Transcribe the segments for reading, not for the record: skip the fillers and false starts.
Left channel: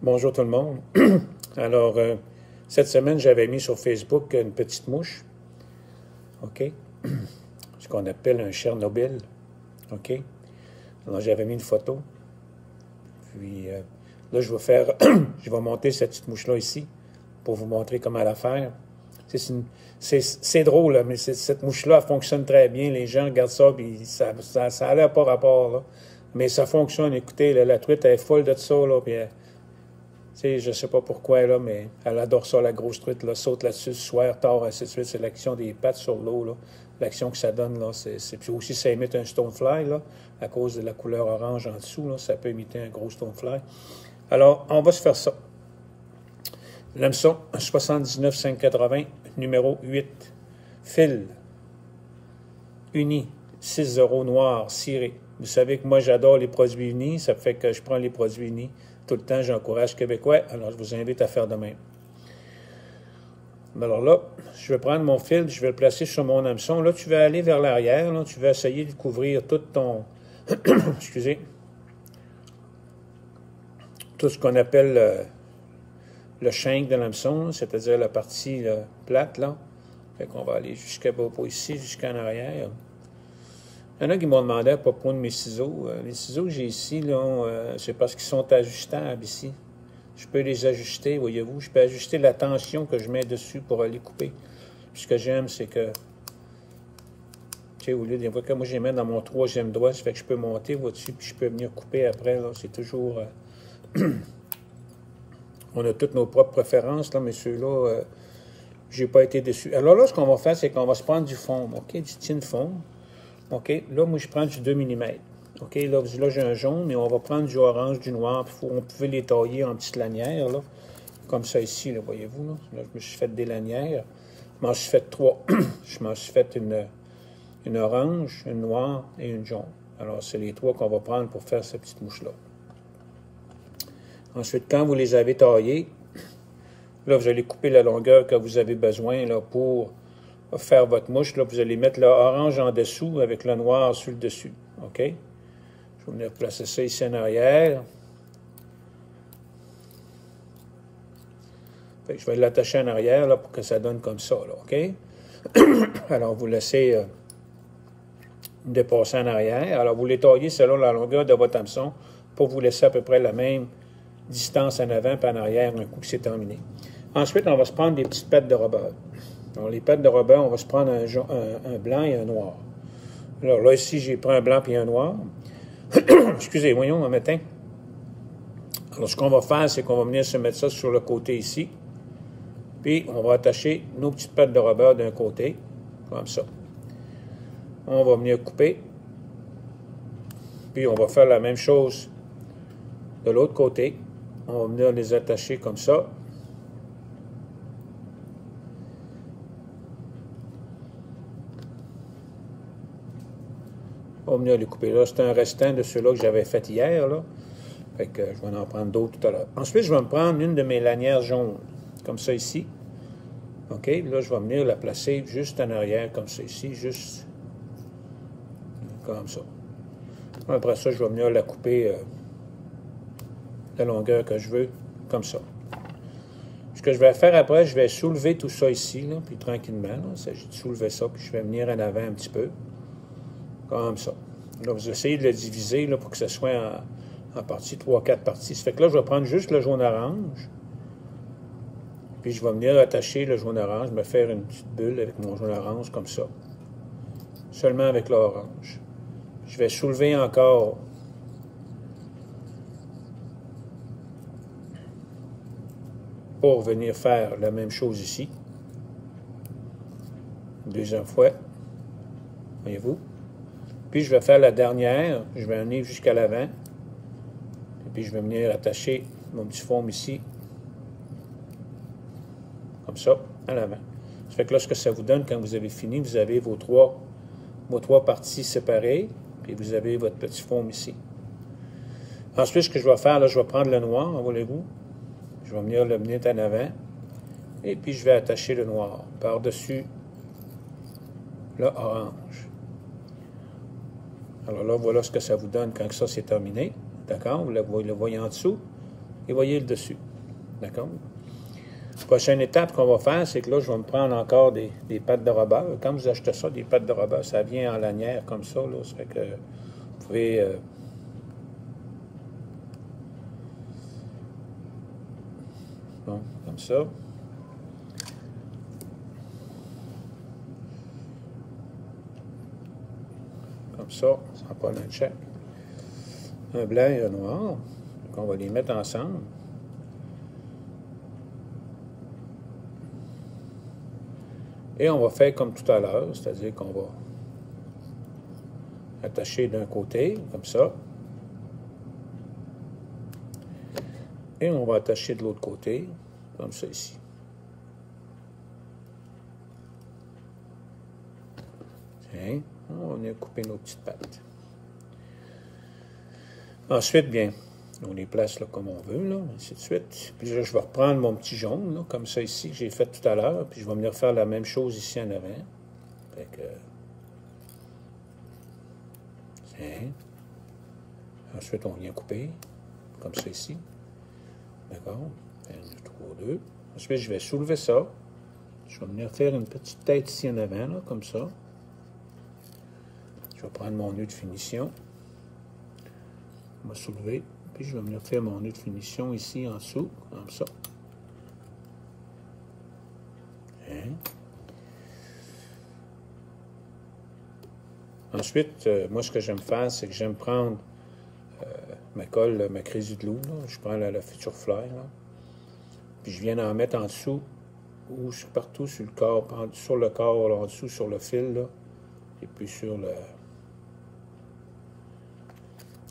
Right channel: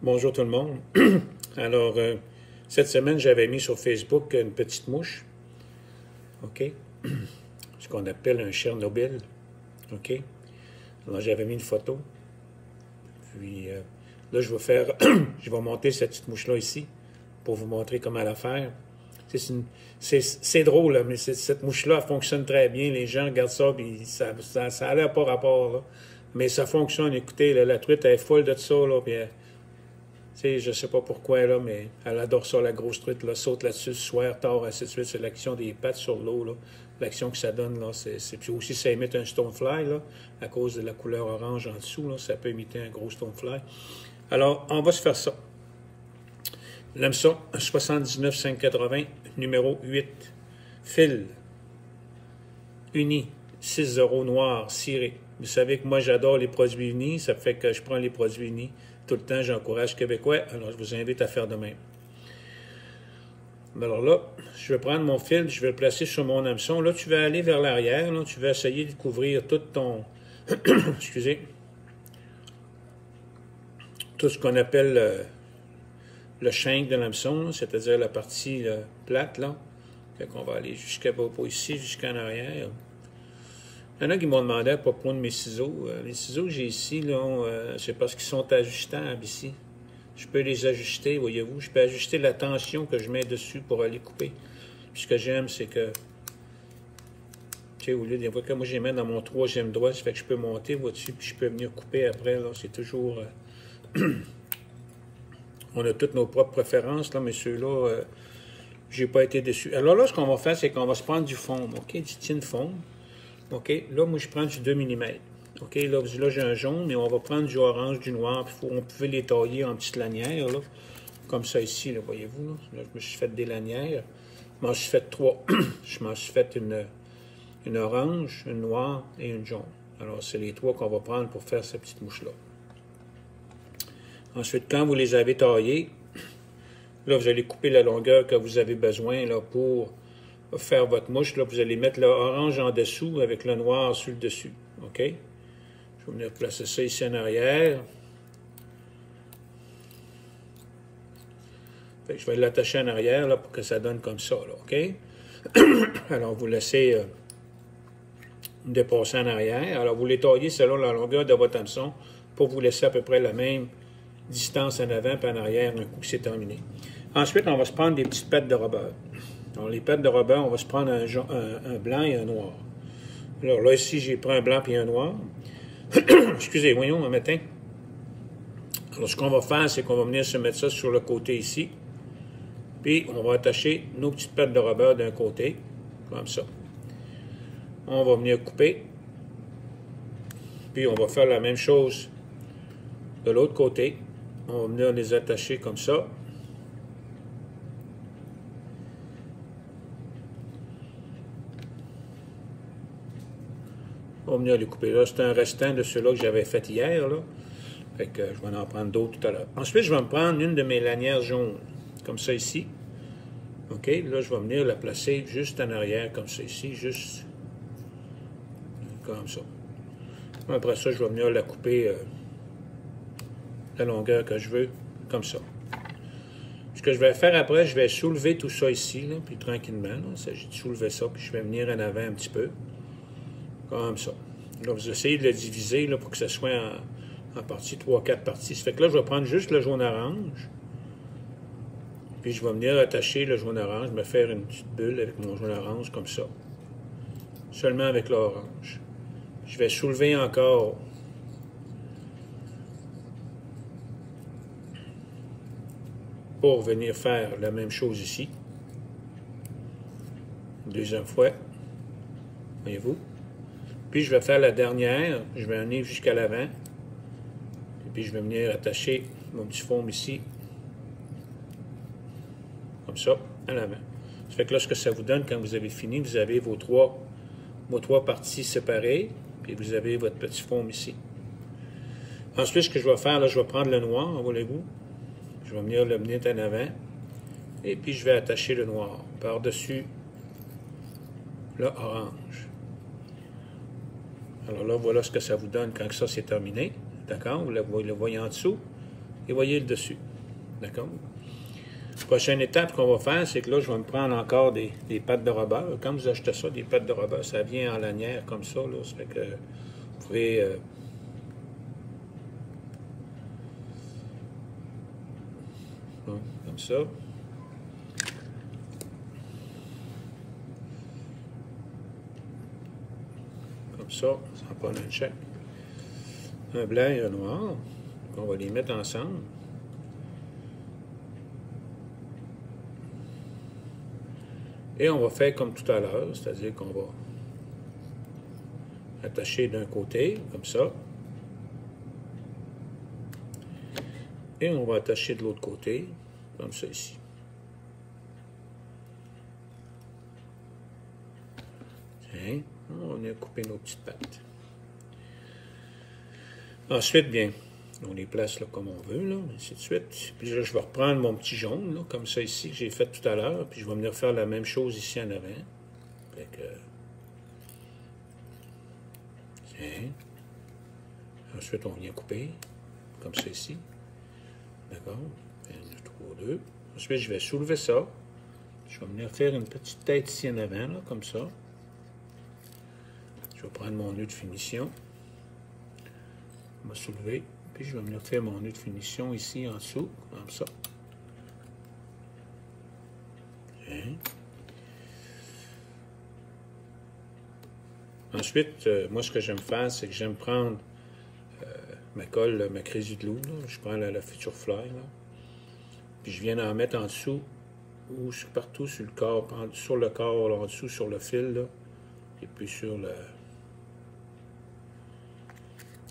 Bonjour tout le monde. Alors, cette semaine, j'avais mis sur Facebook une petite mouche, OK? Ce qu'on appelle un Chernobyl, OK? Alors, j'avais mis une photo. Puis, là, je vais faire, je vais monter cette petite mouche-là ici pour vous montrer comment la faire. C'est drôle, là, mais cette mouche-là, elle fonctionne très bien. Les gens regardent ça, puis ça a l'air pas rapport, là. Mais ça fonctionne. Écoutez, là, la truite, elle est folle de ça, là, puis je ne sais pas pourquoi, là, mais elle adore ça, la grosse truite, là, saute là-dessus, soir, tard, ainsi de suite. C'est l'action des pattes sur l'eau, là. L'action que ça donne, là, puis aussi, ça imite un stonefly, là, à cause de la couleur orange en dessous, là, ça peut imiter un gros stonefly. Alors, on va se faire ça. L'hameçon 79 580, numéro 8. Fil. Uni. 6-0 noir, ciré. Vous savez que moi, j'adore les produits unis. Ça fait que je prends les produits unis tout le temps. J'encourage Québécois. Alors, je vous invite à faire de même. Alors là, je vais prendre mon fil. Je vais le placer sur mon hameçon. Là, tu vas aller vers l'arrière. Là, tu vas essayer de couvrir tout ton... excusez. Tout ce qu'on appelle le shank de l'hameçon, c'est-à-dire la partie plate, là. Fait qu'on va aller jusqu'à ici, jusqu'en arrière. Il y en a qui m'ont demandé à propos de mes ciseaux. Les ciseaux que j'ai ici, là, c'est parce qu'ils sont ajustables ici. Je peux les ajuster, voyez-vous. Je peux ajuster la tension que je mets dessus pour aller couper. Puis ce que j'aime, c'est que, tu sais, au lieu des fois que moi, je les mets dans mon troisième doigt, ça fait que je peux monter au-dessus, puis je peux venir couper après, là. C'est toujours... On a toutes nos propres préférences, là, mais ceux-là, j'ai pas été déçu. Alors là, ce qu'on va faire, c'est qu'on va se prendre du foam, OK? Du tin foam. OK? Là, moi, je prends du 2 mm. OK? Là j'ai un jaune, mais on va prendre du orange, du noir. Puis on pouvait les tailler en petites lanières, là. Comme ça ici, là, voyez-vous, là. Là, je me suis fait des lanières. Je m'en suis fait 3. Je m'en suis fait une orange, une noire et une jaune. Alors, c'est les 3 qu'on va prendre pour faire cette petite mouche-là. Ensuite, quand vous les avez taillés, là, vous allez couper la longueur que vous avez besoin là, pour faire votre mouche. Là, vous allez mettre l'orange en dessous avec le noir sur le dessus. OK? Je vais venir placer ça ici en arrière. Fait que je vais l'attacher en arrière là, pour que ça donne comme ça. Là, OK? Alors, vous laissez dépasser en arrière. Alors, vous les taillez selon la longueur de votre hameçon pour vous laisser à peu près la même distance en avant et en arrière un coup que c'est terminé. Ensuite, on va se prendre des petites pattes de rubber. Alors, les pattes de rubber, on va se prendre un blanc et un noir. Alors là, ici, j'ai pris un blanc et un noir. Excusez, voyons, un matin. Alors, ce qu'on va faire, c'est qu'on va venir se mettre ça sur le côté ici. Puis, on va attacher nos petites pattes de rubber d'un côté, comme ça. On va venir couper. Puis, on va faire la même chose de l'autre côté. On va venir les attacher comme ça. On va venir les couper là. C'est un restant de ceux-là que j'avais fait hier, là. Fait que je vais en prendre d'autres tout à l'heure. Ensuite, je vais me prendre une de mes lanières jaunes, comme ça ici. OK? Là, je vais venir la placer juste en arrière, comme ça ici, juste comme ça. Après ça, je vais venir la couper la longueur que je veux, comme ça. Ce que je vais faire après, je vais soulever tout ça ici, là, puis tranquillement. Là, il s'agit de soulever ça, puis je vais venir en avant un petit peu. Comme ça. Là, vous essayez de le diviser là, pour que ce soit en parties, 3-4 parties. Ça fait que là, je vais prendre juste le jaune-orange. Puis je vais venir attacher le jaune-orange, me faire une petite bulle avec mon jaune-orange comme ça. Seulement avec l'orange. Je vais soulever encore pour venir faire la même chose ici. Une deuxième fois. Voyez-vous? Puis je vais faire la dernière. Je vais venir jusqu'à l'avant. Et puis je vais venir attacher mon petit foam ici. Comme ça, à l'avant. Ça fait que là, ce que ça vous donne, quand vous avez fini, vous avez vos trois parties séparées. Puis vous avez votre petit foam ici. Ensuite, ce que je vais faire, là, je vais prendre le noir, voyez-vous. Je vais venir le mener en avant. Et puis, je vais attacher le noir par-dessus le orange. Alors là, voilà ce que ça vous donne quand ça c'est terminé. D'accord? Vous le voyez en dessous. et voyez le dessus. D'accord? Prochaine étape qu'on va faire, c'est que là, je vais me prendre encore des pattes de rubber. Quand vous achetez ça, des pattes de rubber, ça vient en lanière comme ça. Là, ça fait que vous pouvez... bon, comme ça. Comme ça prend un check. Un blanc et un noir. Donc, on va les mettre ensemble. Et on va faire comme tout à l'heure, c'est-à-dire qu'on va attacher d'un côté, comme ça. Et on va attacher de l'autre côté, comme ça ici. Tiens, on a coupé nos petites pattes. Ensuite, bien, on les place là, comme on veut, là, ainsi de suite. Puis là, je vais reprendre mon petit jaune, là, comme ça ici, que j'ai fait tout à l'heure, puis je vais venir faire la même chose ici en avant. Fait que... Tiens. Ensuite, on vient couper, comme ça ici. D'accord? 1, 2, 3, 2. Ensuite, je vais soulever ça. Je vais venir faire une petite tête ici en avant, là, comme ça. Je vais prendre mon nœud de finition. Je vais soulever. Puis je vais venir faire mon nœud de finition ici en dessous, comme ça. Hein? Ensuite, moi, ce que j'aime faire, c'est que j'aime prendre ma colle, ma Crazy Glue, là. Je prends la Future Fly, là. Puis je viens en mettre en dessous, ou partout sur le corps, sur le corps, là, en dessous, sur le fil, là. Et puis sur le...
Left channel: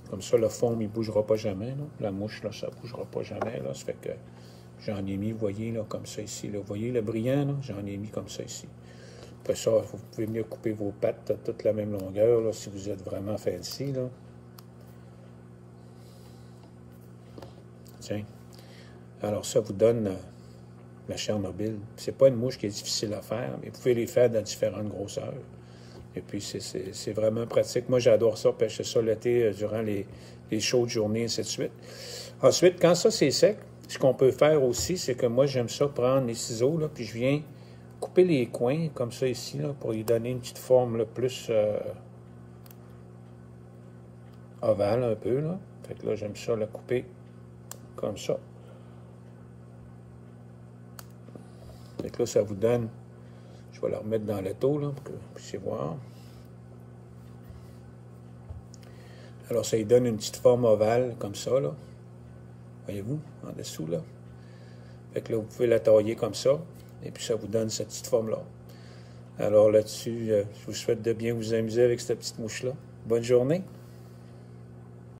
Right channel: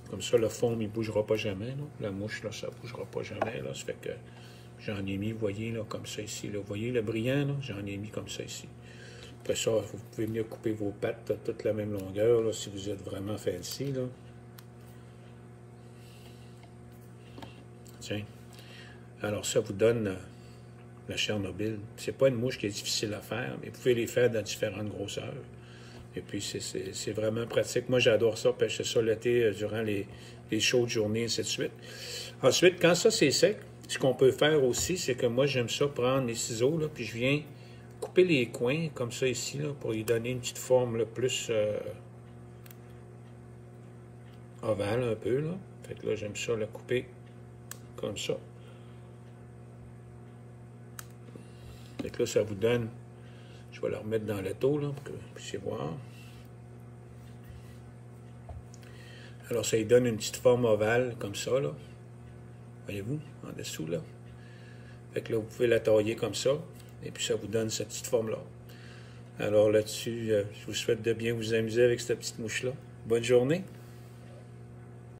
Comme ça, le fond, il ne bougera pas jamais. Là. La mouche, là, ça ne bougera pas jamais. Là. Ça fait que j'en ai mis, vous voyez, là, comme ça ici. Là. Vous voyez le brillant, là? J'en ai mis comme ça ici. Après ça, vous pouvez venir couper vos pattes à toute la même longueur, là, si vous êtes vraiment fancy, là. Tiens. Alors, ça vous donne la Chernobyl. C'est pas une mouche qui est difficile à faire, mais vous pouvez les faire dans différentes grosseurs. Et puis, c'est vraiment pratique. Moi, j'adore ça, pêcher ça l'été durant les chaudes journées, et ainsi de suite. Ensuite, quand ça, c'est sec, ce qu'on peut faire aussi, c'est que moi, j'aime ça prendre les ciseaux, là, puis je viens couper les coins, comme ça, ici, là, pour lui donner une petite forme, là, plus ovale, un peu, là. Fait que là, j'aime ça, la couper comme ça. Fait que là, ça vous donne... Je vais la remettre dans l'étau, là, pour que vous puissiez voir. Alors, ça lui donne une petite forme ovale, comme ça, là. Voyez-vous, en dessous, là. Fait que là, vous pouvez la tailler comme ça, et puis ça vous donne cette petite forme-là. Alors, là-dessus, je vous souhaite de bien vous amuser avec cette petite mouche-là. Bonne journée!